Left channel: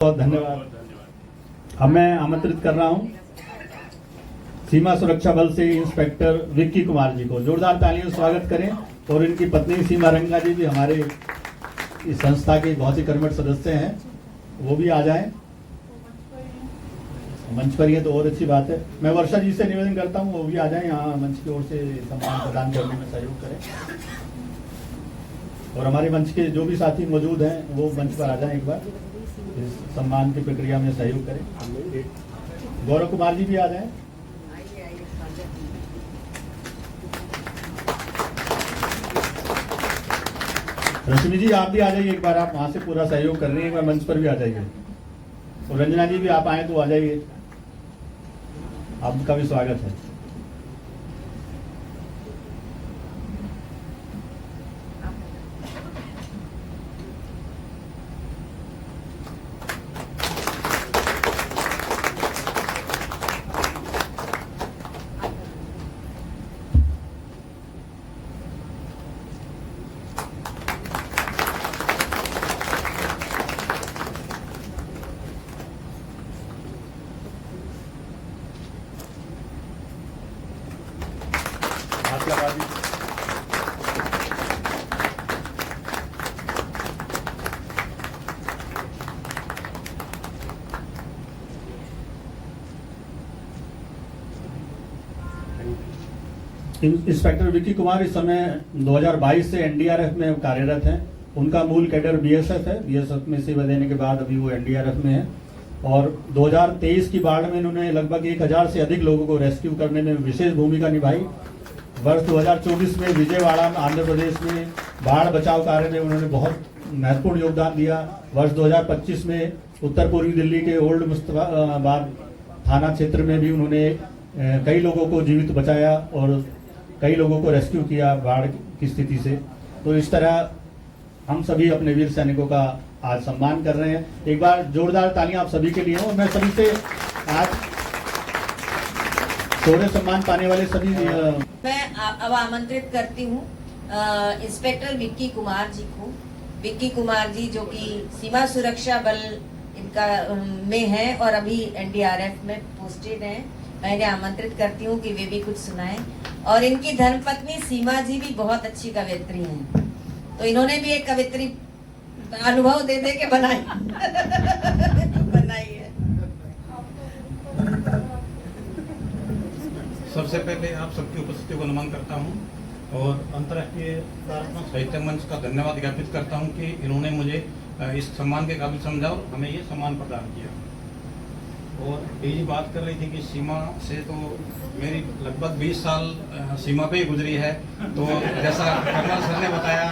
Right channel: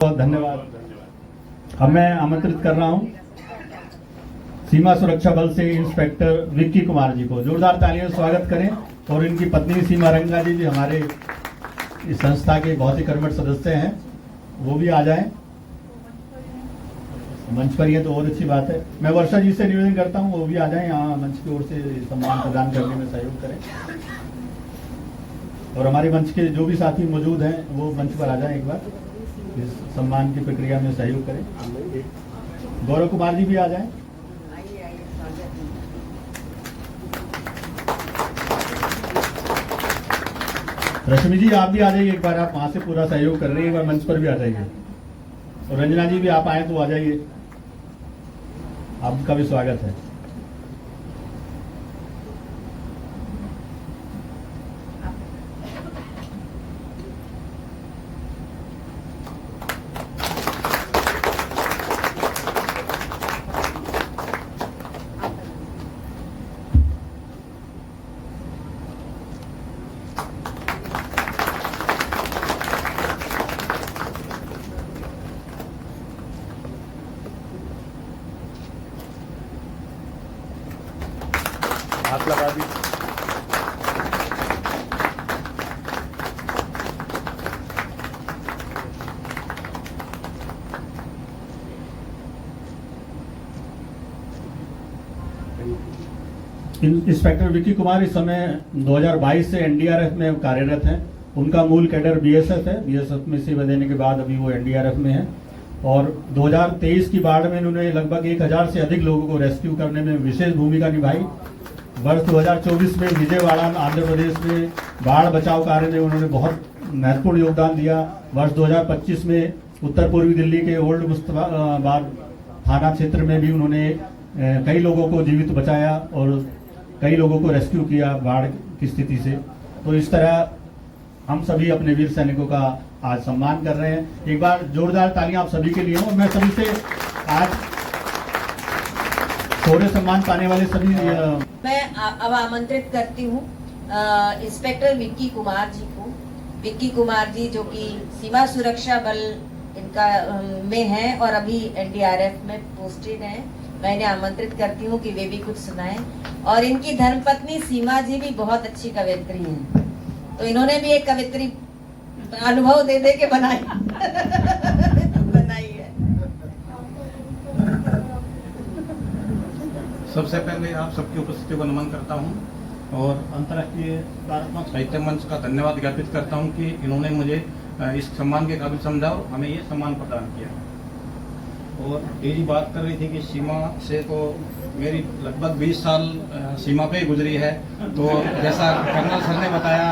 बहुत धन्यवाद। अब मैं आमंत्रित कर रहा हूं सीमा सुरक्षा बल से इंस्पेक्टर विक्की कुमार जी को। जोरदार तालियों से स्वागत करें। और इनकी पत्नी सीमा रंगा जी भी हमारे इस संस्था के बहुत ही कर्मठ सदस्य हैं, वो भी आ जाएं मंच पर। ये तो और अच्छी बात है। मैं वर्षा जी से निवेदन करता हूं वो भी आ जाएं यहाँ मंच की ओर से सम्मान प्रदान करने में सहयोग करें। और हमारे मंच के जो भी साथी मौजूद हैं वो मंच पर आ जाएं, एक बार इस सम्मान की प्रक्रिया में सहयोग करें। गौरव कुमार जी भी आ जाएं। रश्मि जी आप भी आ जाइए एक बार, आप वहां से पूरा सहयोग कर रही है, एक बार मंच पर भी आ जाइए। और रंजना जी भी आप आए तो आ जाइए, आपका भी स्वागत है। हाथ लगा दी। इंस्पेक्टर विक्की कुमार इस समय 2022 से एनडीआरएफ में कार्यरत हैं। उनका मूल कैडर बीएसएफ है। बीएसएफ में सेवा देने के बाद अभी वो एनडीआरएफ में है। और 2023 की बाढ़ में उन्होंने लगभग 1000 से अधिक लोगों को रेस्क्यू करने में विशेष भूमिका निभाई। वर्ष 2024 में विजयवाड़ा में आंध्र प्रदेश में बाढ़ बचाव कार्य में उन्होंने बहुत महत्वपूर्ण योगदान दिया। वर्ष 2025 में उत्तर पूर्वी दिल्ली के ओल्ड मुस्तफाबाद थाना क्षेत्र में भी उन्होंने कई लोगों को जीवित बचाया और कई लोगों को रेस्क्यू किया बाढ़ की स्थिति से। तो इस तरह हम सभी अपने वीर सैनिकों का आज सम्मान कर रहे हैं। एक बार जोरदार तालियां आप सभी के लिए हों। मैं सभी से आज शौर्य सम्मान पाने वाले सभी मैं अब आमंत्रित करती हूँ इंस्पेक्टर विक्की कुमार जी को। विक्की कुमार जी जो कि सीमा सुरक्षा बल इनका में है और अभी एनडीआरएफ में पोस्टेड है। मैं इन्हें आमंत्रित करती हूँ कि वे भी कुछ सुनाएं। और इनकी धर्मपत्नी सीमा जी भी बहुत अच्छी कवयित्री हैं, तो इन्होंने भी एक कवित्री अनुभव दे दे के बनाई है। सबसे पहले आप सबकी उपस्थिति को नमन करता हूं और अंतर्राष्ट्रीय प्रार्थना साहित्य मंच का धन्यवाद ज्ञापित करता हूं कि इन्होंने मुझे इस सम्मान के काबिल समझा और हमें ये सम्मान प्रदान किया। और यही बात कर रही थी कि सीमा से तो मेरी लगभग 20 साल सीमा पे ही गुजरी है। तो जैसा कमल सर ने बताया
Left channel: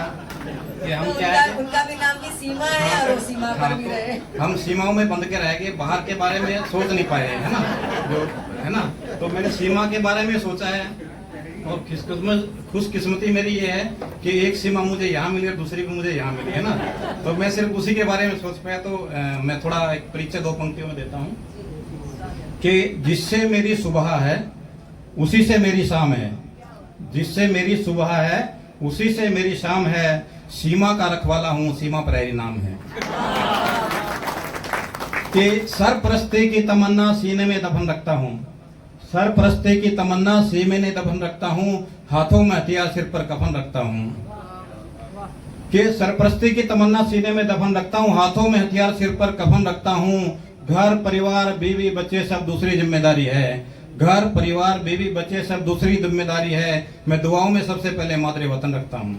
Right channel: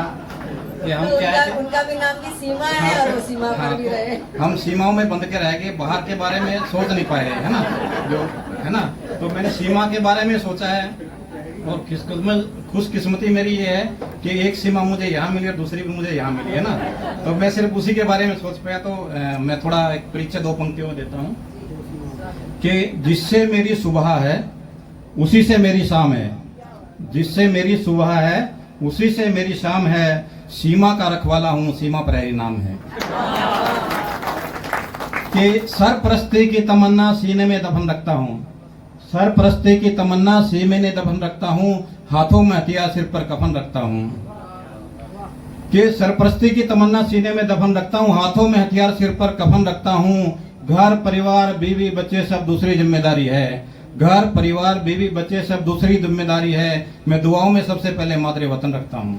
कि हम क्या है, उनका भी नाम की सीमा है और वो सीमा पर भी रहे। हम सीमाओं में बंध के रह गए, बाहर के बारे में सोच नहीं पाए, है ना, जो है ना। तो मैंने सीमा के बारे में सोचा है और खुशकिस्मती मेरी ये है कि एक सीमा मुझे यहाँ मिली और दूसरी भी मुझे यहाँ मिली, है ना। तो मैं सिर्फ उसी के बारे में सोच पाया। तो मैं थोड़ा एक परिचय 2 पंक्तियों में देता हूँ कि जिससे मेरी सुबह है उसी से मेरी शाम है, जिससे मेरी सुबह है उसी से मेरी शाम है, सीमा का रखवाला हूँ सीमा पर ही नाम है। कि सरपरस्ती की तमन्ना सीने में दफन रखता हूँ, सरपरस्ती की तमन्ना सीने में दफन रखता हूँ, हाथों में हथियार सिर पर कफन रखता हूँ। कि सरपरस्ती की तमन्ना सीने में दफन रखता हूँ, हाथों में हथियार सिर पर कफन रखता हूँ। घर परिवार बीवी बच्चे सब दूसरी जिम्मेदारी है, घर परिवार बीवी बच्चे सब दूसरी जिम्मेदारी है। मैं दुआओं में सबसे पहले मातृ वतन रखता हूँ।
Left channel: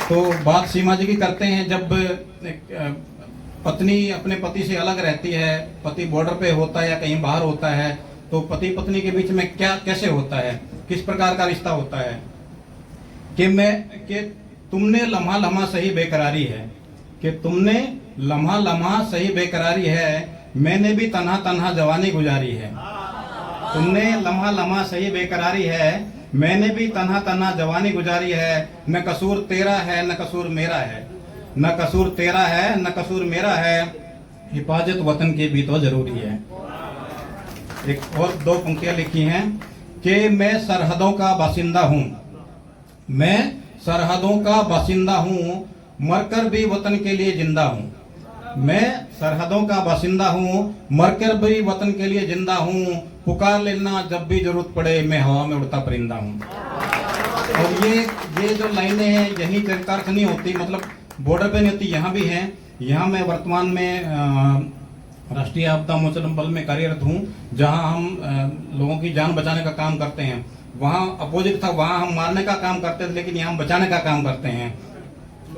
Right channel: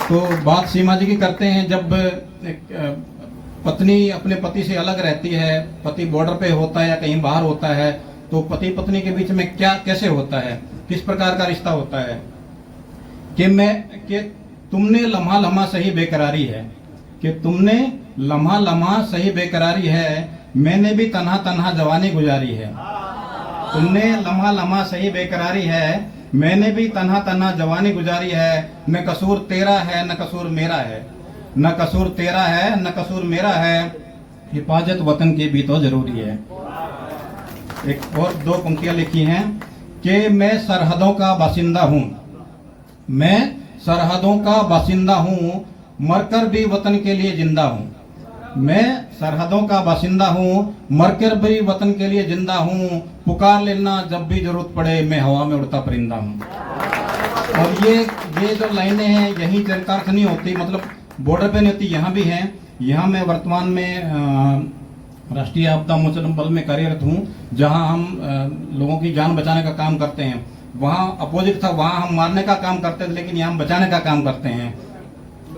तो बात सीमा जी की करते हैं। जब पत्नी अपने पति से अलग रहती है, पति बॉर्डर पे होता है या कहीं बाहर होता है, तो पति पत्नी के बीच में क्या कैसे होता है, किस प्रकार का रिश्ता होता है कि तुमने लम्हा लम्हा सही बेकरारी है, कि तुमने लम्हा लम्हा सही बेकरारी है, मैंने भी तन्हा तन्हा जवानी गुजारी है। तुमने लम्हा लम्हा सही बेकरारी है, मैंने भी तन्हा तन्हा जवानी गुजारी है। न कसूर तेरा है न कसूर मेरा है, न कसूर तेरा है न कसूर मेरा है, हिफाजत वतन की भी तो जरूरी है। एक और 2 पंक्तियां लिखी हैं कि मैं सरहदों का बासिंदा हूँ, मैं सरहदों का बासिंदा हूँ, मरकर भी वतन के लिए जिंदा हूँ। मैं सरहदों का बासिंदा हूँ, मरकर भी वतन के लिए जिंदा हूँ। पुकार लेना जब भी जरूरत पड़े, मैं हवा में उड़ता परिंदा हूँ। और ये जो लाइनें हैं यही सरकार से नहीं होती, मतलब बॉर्डर पे नहीं होती, यहाँ भी हैं। यहाँ मैं वर्तमान में राष्ट्रीय आपदा मोचन बल में कार्यरत हूँ, जहाँ हम लोगों की जान बचाने का काम करते हैं। वहाँ अपोजिट था, वहाँ हम मारने का काम करते थे, लेकिन यहाँ हम बचाने का काम करते हैं।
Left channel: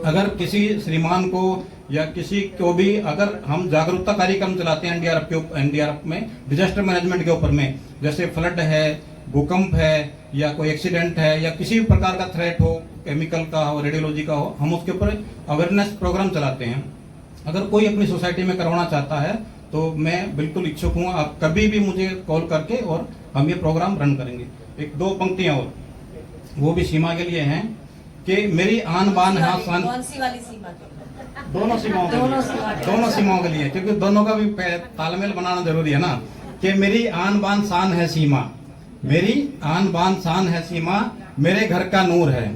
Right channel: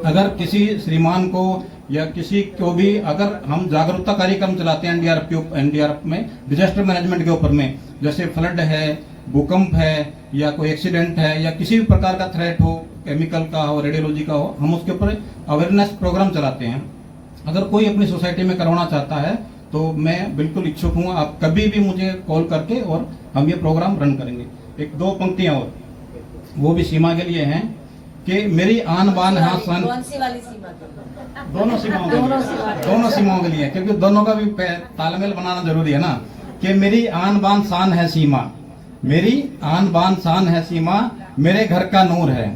अगर किसी श्रीमान को या किसी को भी, अगर हम जागरूकता कार्यक्रम चलाते हैं एनडीआरएफ में डिजास्टर मैनेजमेंट के ऊपर में, जैसे फ्लड है, भूकंप है, या कोई एक्सीडेंट है, या किसी भी प्रकार का थ्रेट हो, केमिकल का हो, रेडियोलॉजी का हो, हम उसके ऊपर अवेयरनेस प्रोग्राम चलाते हैं। अगर कोई अपनी सोसाइटी में करवाना चाहता है तो मैं बिल्कुल इच्छुक हूँ, आप कभी भी मुझे कॉल करके, और हम ये प्रोग्राम रन करेंगे। एक दो पंक्तियां और, वो भी सीमा के लिए हैं कि मेरी आन बान है शान। कौन सी वाली सीमा? दोनों सीमाओं के लिए, दोनों सीमाओं के लिए, क्योंकि दोनों का भी तालमेल बनाना जरूरी है ना। कि मेरी आन बान शान है सीमा, मेरी आन बान शान है सीमा, मेरे घर का नूर है।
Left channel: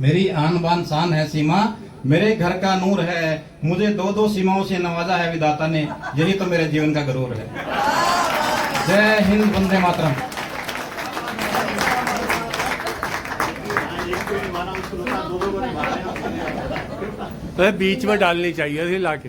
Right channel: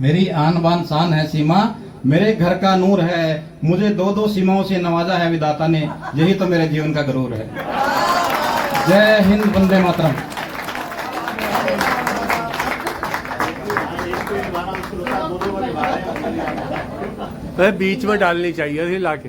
मेरी आन बान शान है सीमा, मेरे घर का नूर है। मुझे दो दो सीमाओं से नवाजा है विधाता ने, यही तो मेरे जीवन का गरूर है। जय हिंद, वंदे मातरम। तो बीच में डालनी चाहिए थी लाके।